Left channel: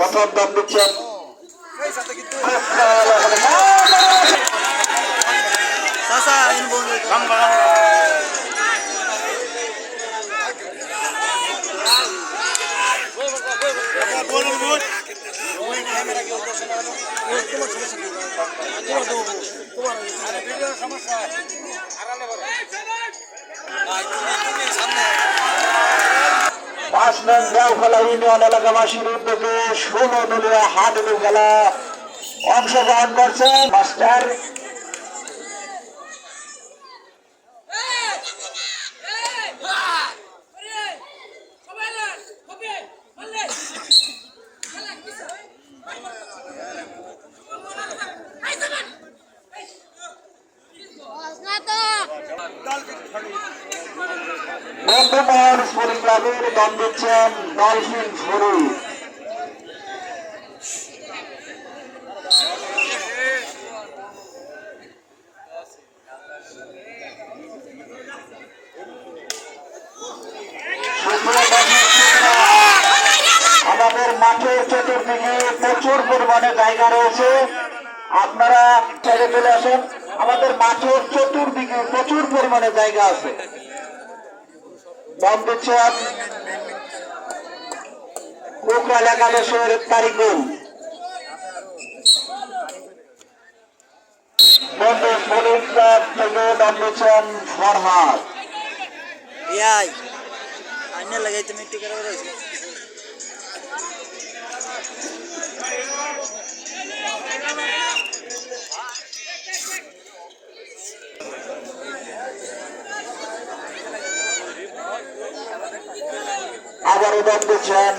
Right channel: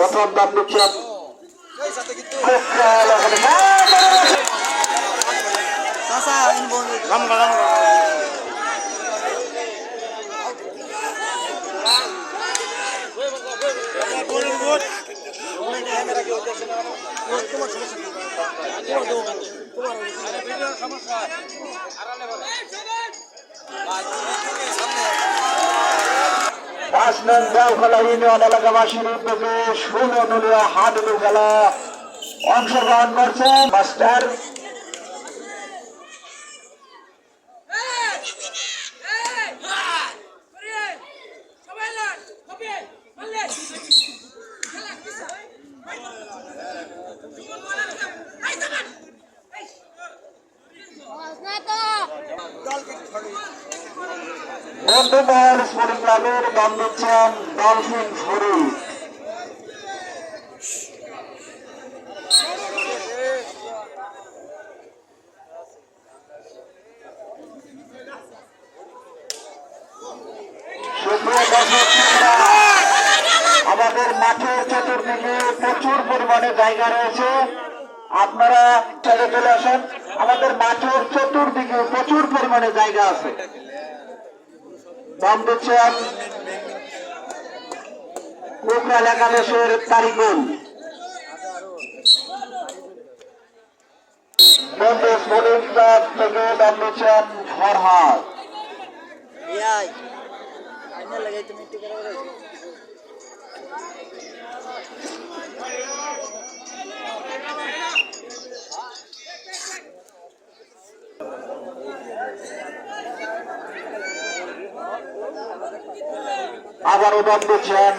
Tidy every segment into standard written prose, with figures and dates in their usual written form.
প্রথম দাম দিচ্ছেন পাঁচ নং গাঁওখালা ইউনিয়ন এলাকাবাসীর উদ্যোগে 16 দলীয় হাডুডু খেলা অংশগ্রহণ করছে মাস্টার বন্ধুমহল স্পোর্টিং ক্লাবের দাম দিচ্ছেন ডলফিন ছড়ি। আমাদের মাঠের চতুর্দিকে প্রচুর পরিমাণে জায়গা রয়েছে, আপনারা ছেড়ে চলে আসেন। আমাদের মাঠের চতুর্দিকে প্রচুর পরিমাণে জায়গা আছে। দাম দিচ্ছেন কোকরাল একাদশের তারিকুল। বন্ধু স্পোর্টিং ক্লাব থেকে দাম দিচ্ছেন ফরহাদ। আবারও দাম দিচ্ছেন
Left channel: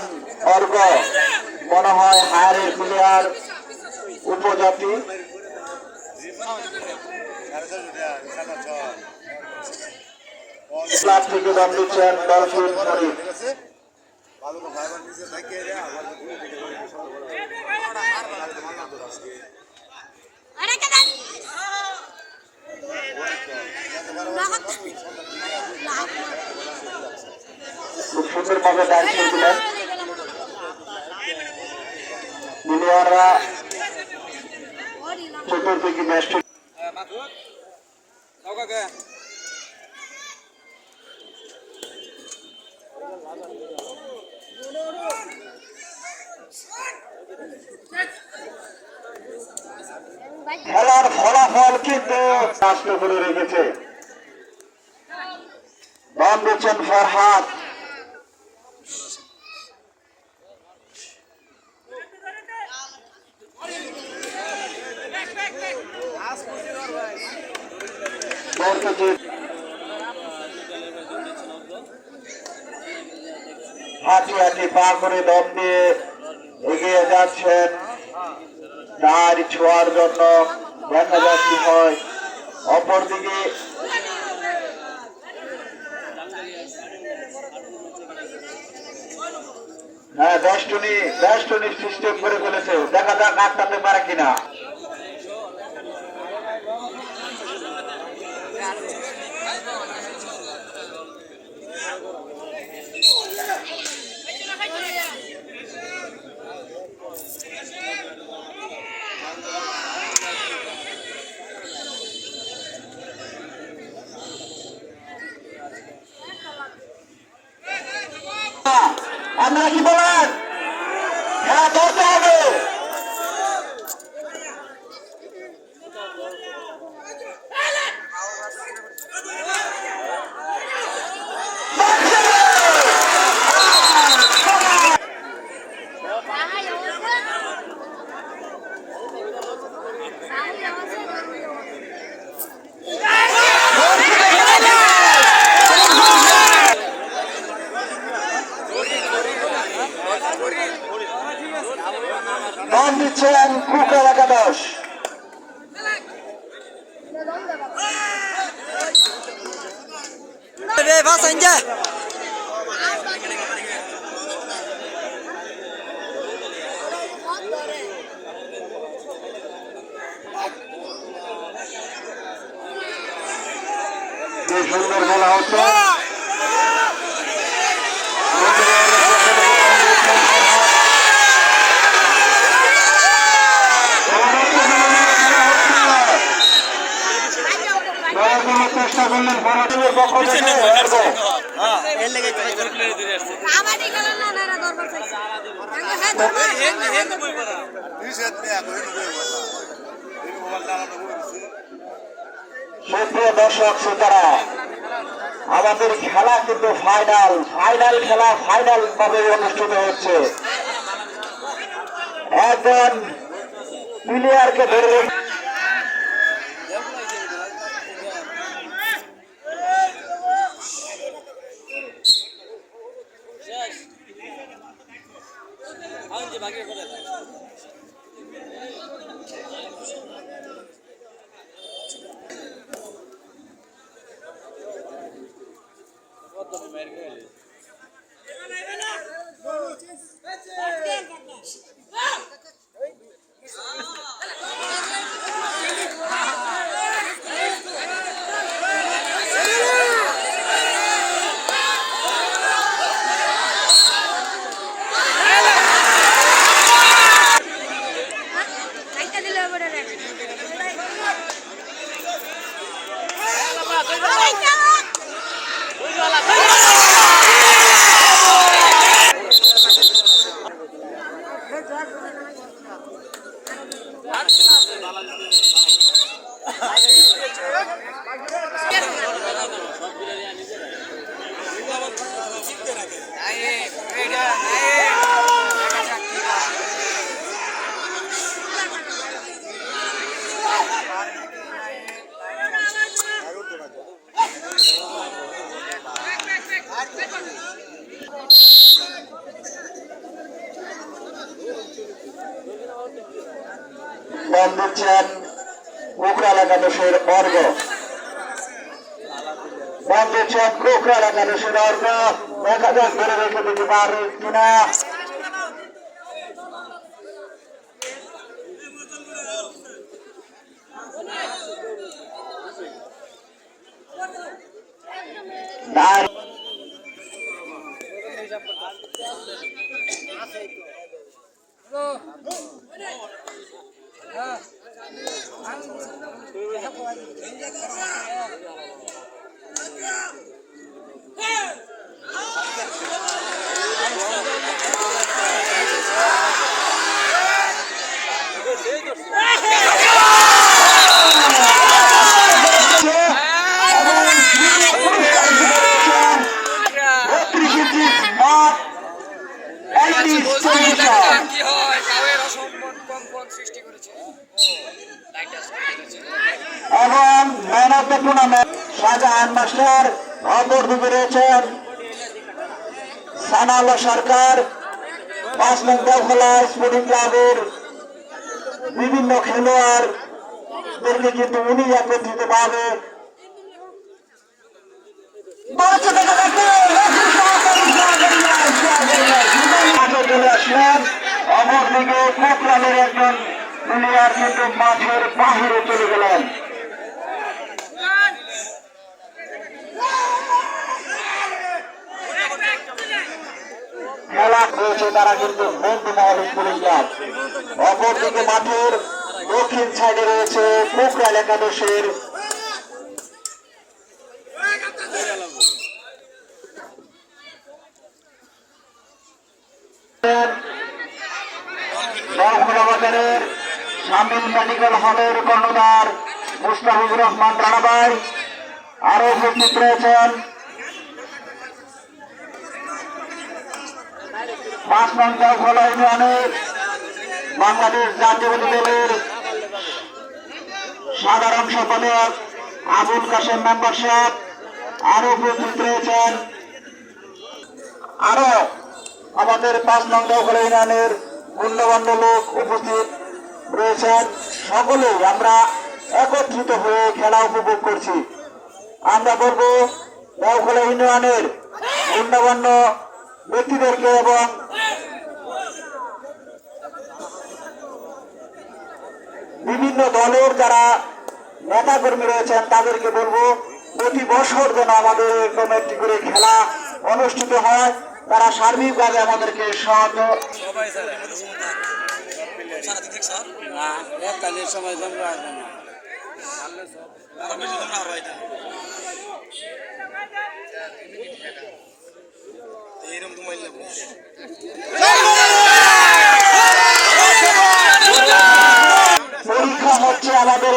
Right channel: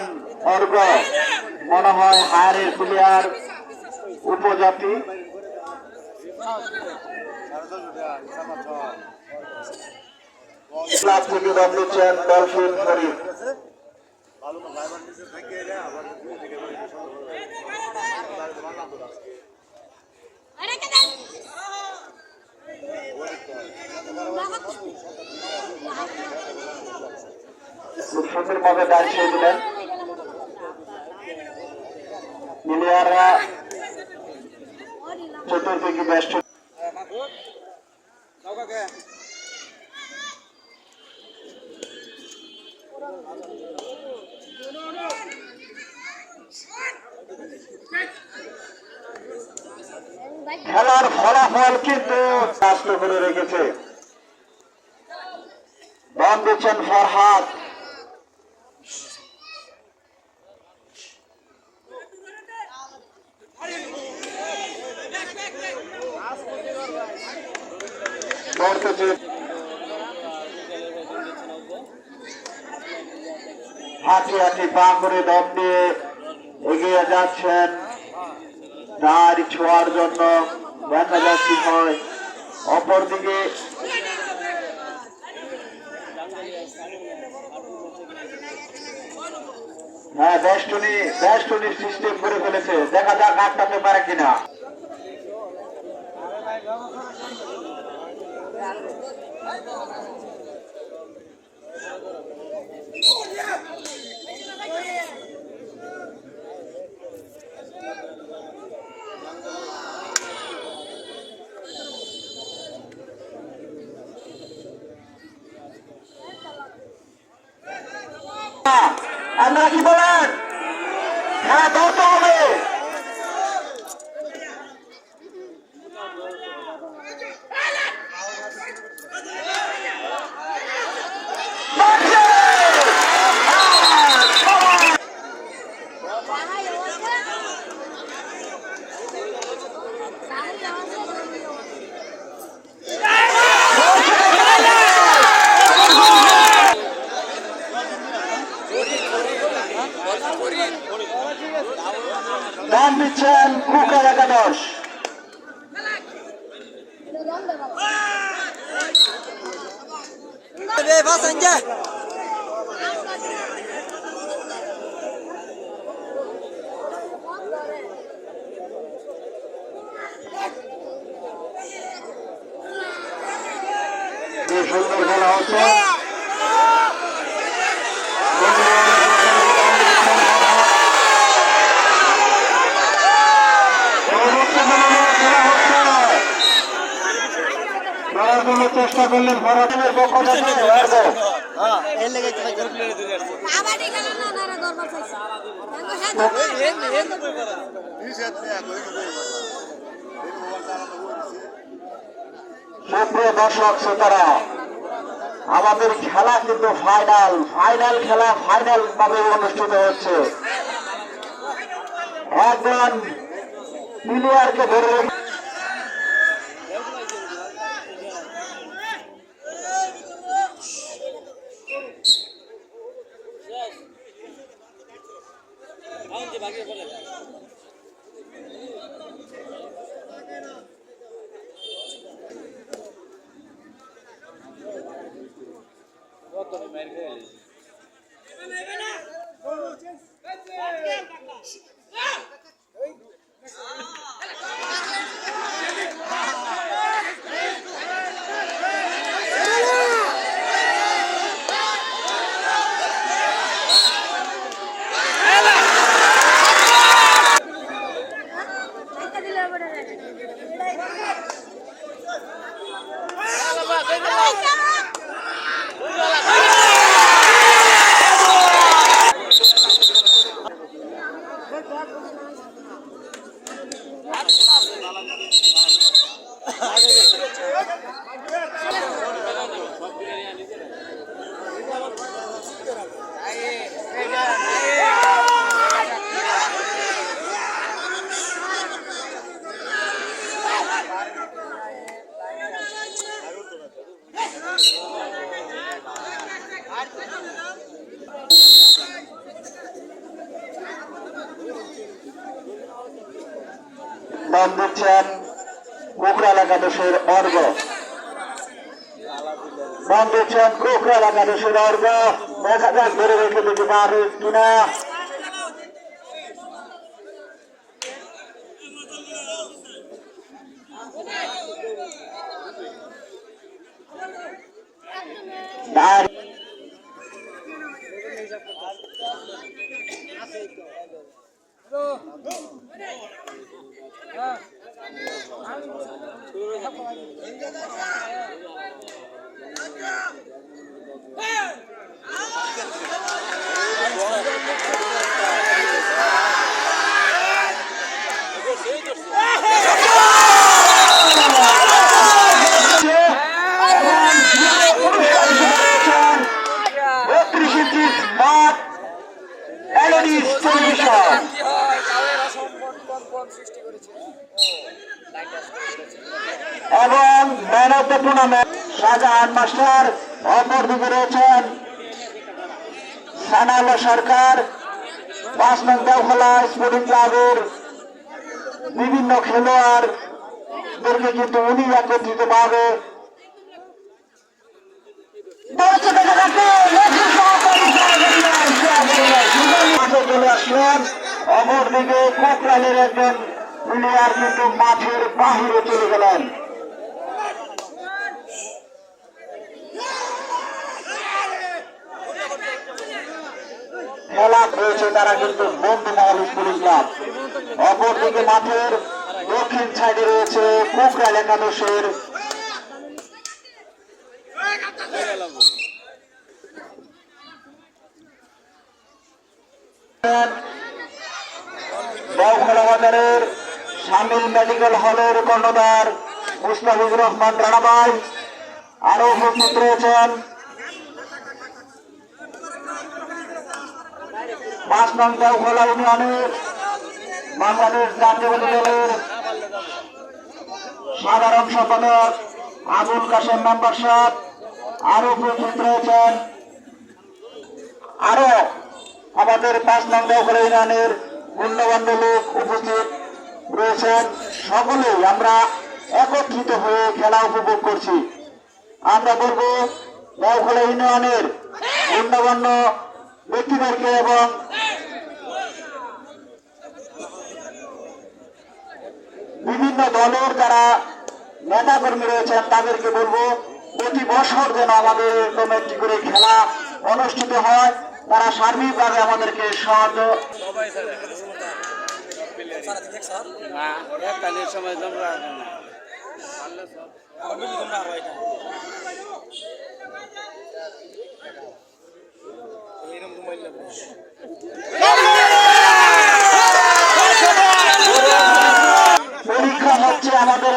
অর্ঘ, মনে হয় হারের প্লেয়ার উপজাতি। ক্লাব থেকে দাম দিচ্ছেন ডলফিন শরীফ। খুব সুন্দরভাবে দাঁড়িয়ে দিলেন প্লেয়াররা চতুর্দিকে বেষ্ট। খেলার ফলাফল কিন্তু নষ্ট করে রেখেছে। দাম দিচ্ছেন ফরহাদ। হাঁটি হাঁটি পা করে দম দিয়ে এগিয়ে যাচ্ছেন দাঁড়ি ছোঁয়ার জন্য, দেখা যাক কি হয়। অপরদিকে হ্যাঁ বেষ্টনী সিস্টেম করে ফেলেছে, দেখা যাক আটকাতে পারে কিনা। আপনারা কি বলেন? হ্যাঁ ধরতে হবে। দাম দিচ্ছেন কোকরাল একাদশ। সুন্দর খেলা হচ্ছে। চেষ্টা করলেন পরাজয়ের পক্ষ থেকে সুপ্রিয় দর্শক শ্রোতারা, আমাদের খেলা কিন্তু ফাইনাল খেলা ফাইনাল ভাবে অনুষ্ঠিত হচ্ছে। একজন প্লেয়ারকে ধরে দিচ্ছেন কোকরাল একাদশের অর্ঘ, দিচ্ছেন কোকরাল একাদশের অর্ঘ। দেখা যাক ধরে রেখে দিতে পারে কিনা। এবং man of the tournament Shahjahan master, অপরদিকে রয়েছেন সানাউল্লাহ সরকার। 5 নং দেওখোলা স্পোর্টিং ক্লাবের বিভিন্ন খেলোয়াড়দেরকে কিন্তু উনি একত্রিত ভাবে চলে আসলেন। অপরদিকে কোকরালের একজন প্লেয়ার কিন্তু মাঠের বাহিরে চলে গেলেন। খেলা রয়েছে তারা কিন্তু বন্ধুমহল স্পোর্টিং ক্লাব। অপরদিকে মাঠের দক্ষিণ সাইডে রয়েছে কোকরাল একাদশের শামিল মেডিকেল হলের কর্ণধার মুস্তাফিজুর রহমান রানা ভাই। আরো উপস্থিত রয়েছেন 5 নং দেওখোলা ইউনিয়নের বাংলাদেশ জাতীয়তাবাদী দলের সাধারণ সম্পাদক আবুল কাশেম মেম্বার সাহেব। আরো উপস্থিত রয়েছেন আরো আমাদের 5 নং দেওখোলা ইউনিয়নের গণ্যমান্য লোক উপস্থিত রয়েছেন। সকলেই আমরা একত্রিত হয়ে খেলা উপভোগ করছি। আমরা বলবো দেওখোলা ইউনিয়নের গণ্যমান্য ব্যক্তিদেরকে এবং বিভিন্ন দলের যারা নেতা কর্মী রয়েছেন তাদেরকে বলবো প্রতি বছর যেন আমাদের এরকম একটি করে খেলা অনুষ্ঠিত হয়। তারা সার্বিকভাবে আমাদেরকে সাহায্য পরীক্ষা হচ্ছে আমাদের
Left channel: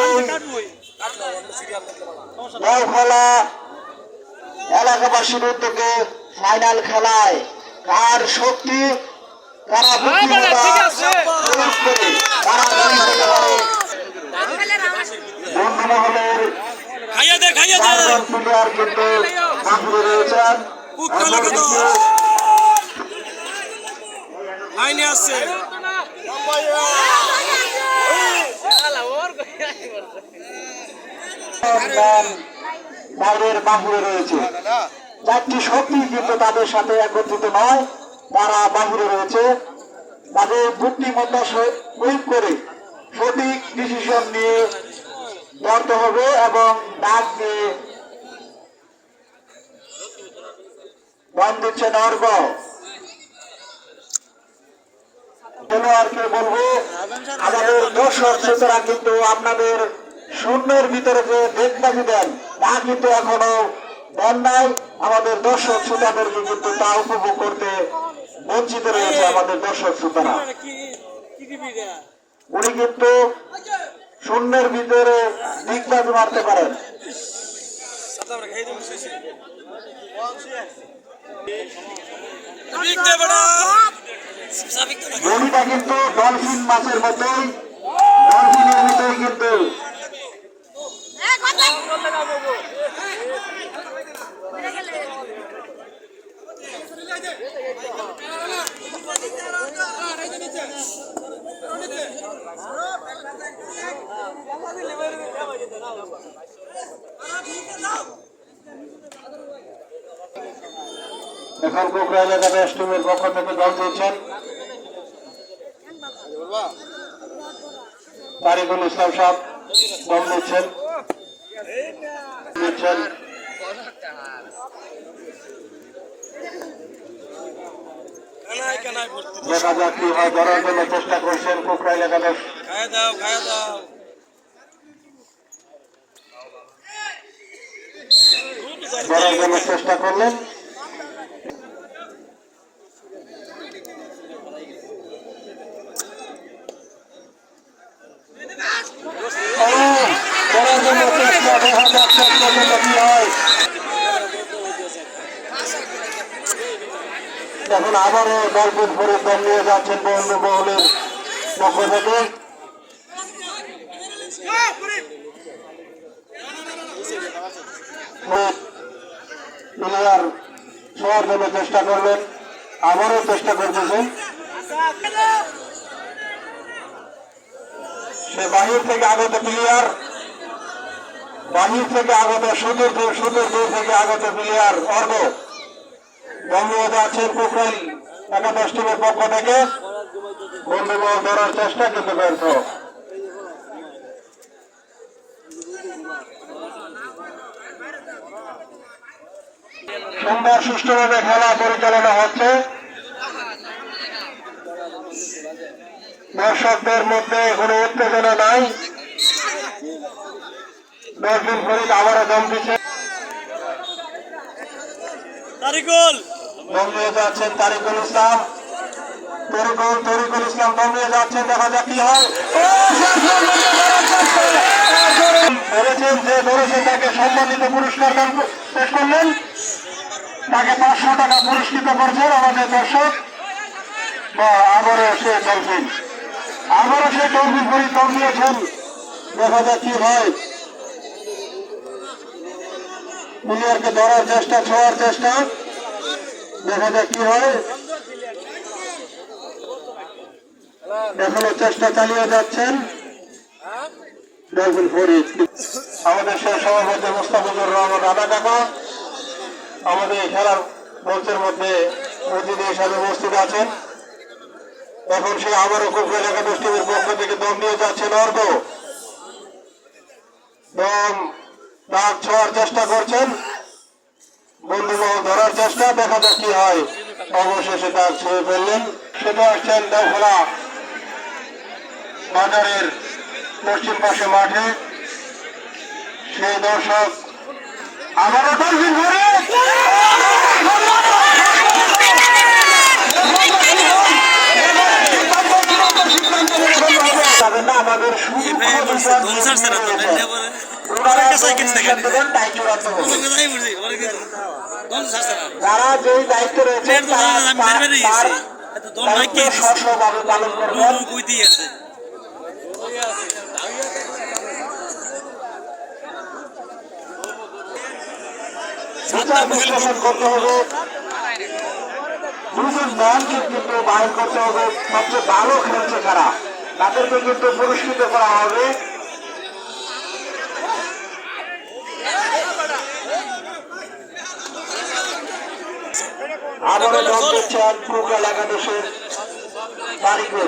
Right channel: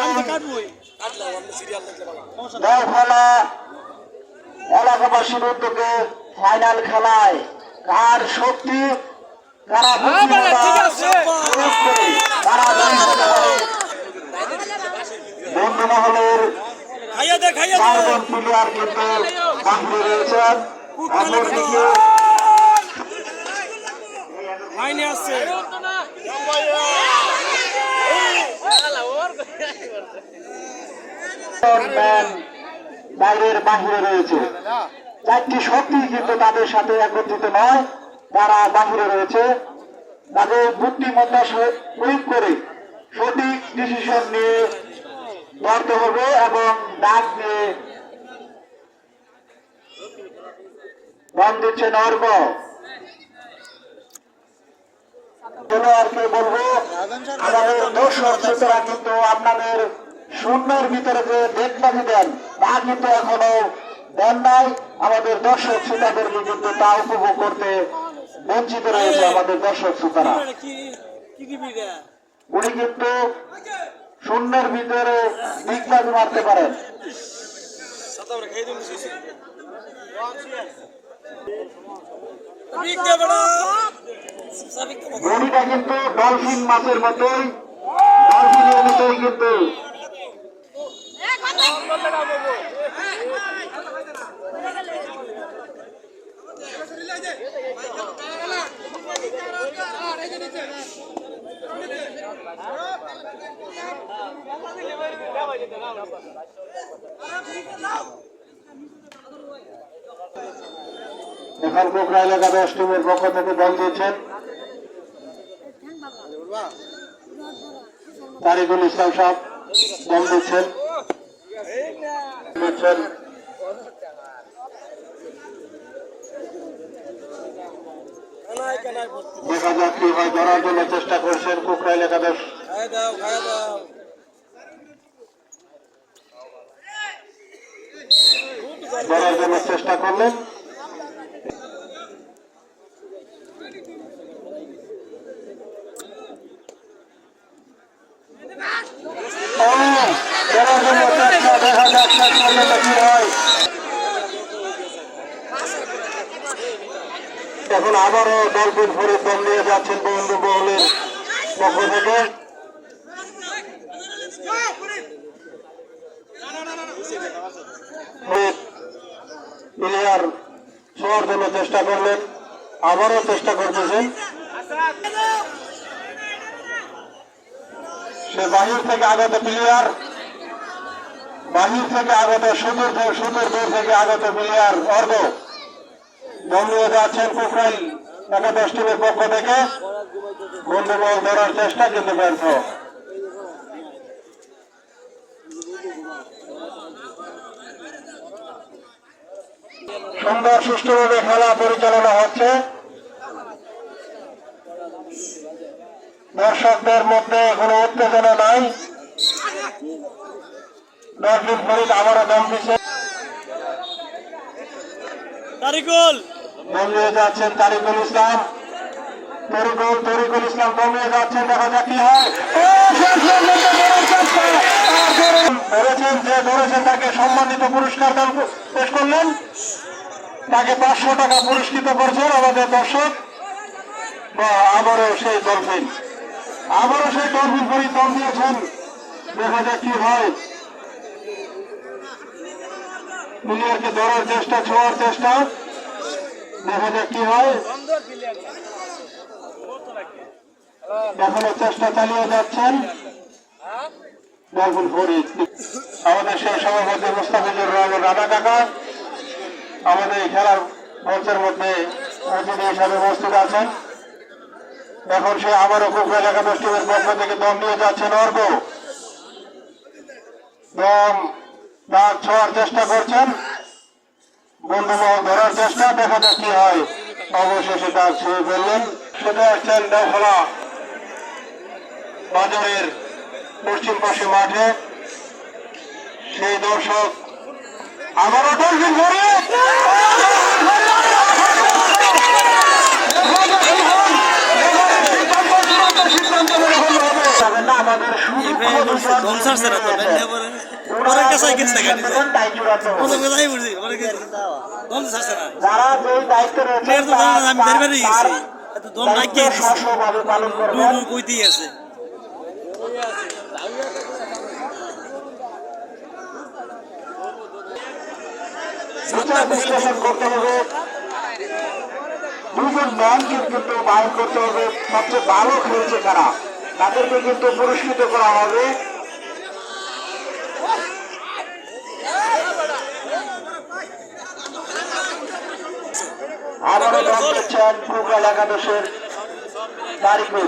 এই খেলা এলাকাবাসীর উদ্যোগে ফাইনাল খেলায় কার শক্তি কারা বন্ধুমহলের প্লেয়ার কিন্তু বাহিরে রয়েছেন। বাইরের বাহিরে রয়েছে, চারটি শক্তি কিন্তু তাদের সাথে একত্রিত নয়, তারা বাহিরে রয়েছে। তাদের বুদ্ধিমত্তা প্রয়োগ করে সঠিক ডিসিশন নিয়ে লড়তে হবে এবং ডাক দিয়ে গান দিচ্ছেন অর্ক। খেলোয়াড়কে বলবো আমাদের দর্শক শ্রোতারা কিন্তু আপনাদের শূন্যের ভিতরে যে দেশবাজি দেন তা কিন্তু এখনো দেন নাই। আমাদের দর্শক শ্রোতাদেরকে কিন্তু তা উপভোগ করতে বঞ্চিত রয়েছে আমাদের দর্শক শ্রোতারা। উনি কিন্তু শূন্যের ভিতরে দিকবাজি মারতে পারেন। গলিটা কিন্তু ডলফিন মাছের মতোই, ডলফিনের মতোই কিন্তু এখন কোকরা এলাকা ব্যাস টিমের পক্ষ থেকে দল দিয়েছেন তারিকুল ইসলাম সাহেব, দল দিচ্ছেন দেখা যাক কি হয়। ধরার জন্য চেষ্টা করছেন কোকরা এলাকা দশ, ধরার জন্য চেষ্টা করলেন। এখন আবারও ডলফিন ফরিদ দল নিয়ে যাচ্ছেন বন্ধু মহলের পক্ষ থেকে। প্লেয়ার ছোঁয়ার জন্য চেষ্টা করলেন, আবারও চেষ্টা করতেছেন। সে বাহির থেকে আগত প্লেয়ার, বাহির থেকে আগত সুদূর দূর থেকে আগত প্লেয়ার অর্ঘ বল নিয়ে যাচ্ছেন কোকরাইল একাদশ টিমের পক্ষ থেকে। বন্ধু বল ধরার চেষ্টা কিন্তু ব্যর্থ। সুন্দর সুষ্ঠুভাবে খেলা পরিচালনা হচ্ছে, দর্শকদের মধ্যে কোনো উত্তেজনা নাই। ডলফিন ফরিদ আবারও দম দিচ্ছে, দম নিয়ে যাচ্ছেন তারিকুল ইসলাম, তরিকুল ইসলাম দম নিয়ে যাচ্ছেন। দেখা যাক কি হয়। ধরেছেন যে ধরেছে তাকে সম্মানিত পুরস্কার পেশ করলেন, তাকে 500 টাকা পুরস্কৃত করছেন আমাদের দর্শক। আবারও সেই ডলফিন ফরিদ দম দিয়েছেন। দেখা যাক কি হয়। প্লেয়ারকে ধরার চেষ্টা, ছোঁয়ার চেষ্টা, দেখা যাক কি হয়। দেখানোর চেষ্টা চালিয়ে যাচ্ছেন ডলফিন ফরিদ। আমাদের সেই সভাপতি মোস্তাফিজুর রহমান রানা কাকা আমাদের এই খেলার মঞ্চের মধ্যে অতিথি হিসাবে উপস্থিত আছেন। এখন সে আবারও কোকরা একাদশ টিমের পক্ষ থেকে দম নিয়ে যাচ্ছেন অর্ঘ। দম ডাক ছোঁয়ার চেষ্টা করছেন, বন্ধুবাহ ধরার চেষ্টা, দেখা যাক কি হয়। অবশেষে ডাক ছুঁয়ে ফেললেন। শুধু আসছেন দখলা বাজারের পশ্চিম পাশে মাঠে সেই দর্শক আবারও ডলফিন ধরে সিদ্ধান্ত মেনে ফেলতে হবে না আমাদের যারা যে দায়িত্ব রয়েছে পালন করবেন বিশ্লেষণ করতে হবে দুজন ম্যানকে কিন্তু বাইর করতে হবে সবচেয়ে ভালো খেলছে কারা তাদেরকে কিন্তু পুরস্কৃত করা হবে আবারও দল দিচ্ছেন ফুটবল একাদশের কারিগর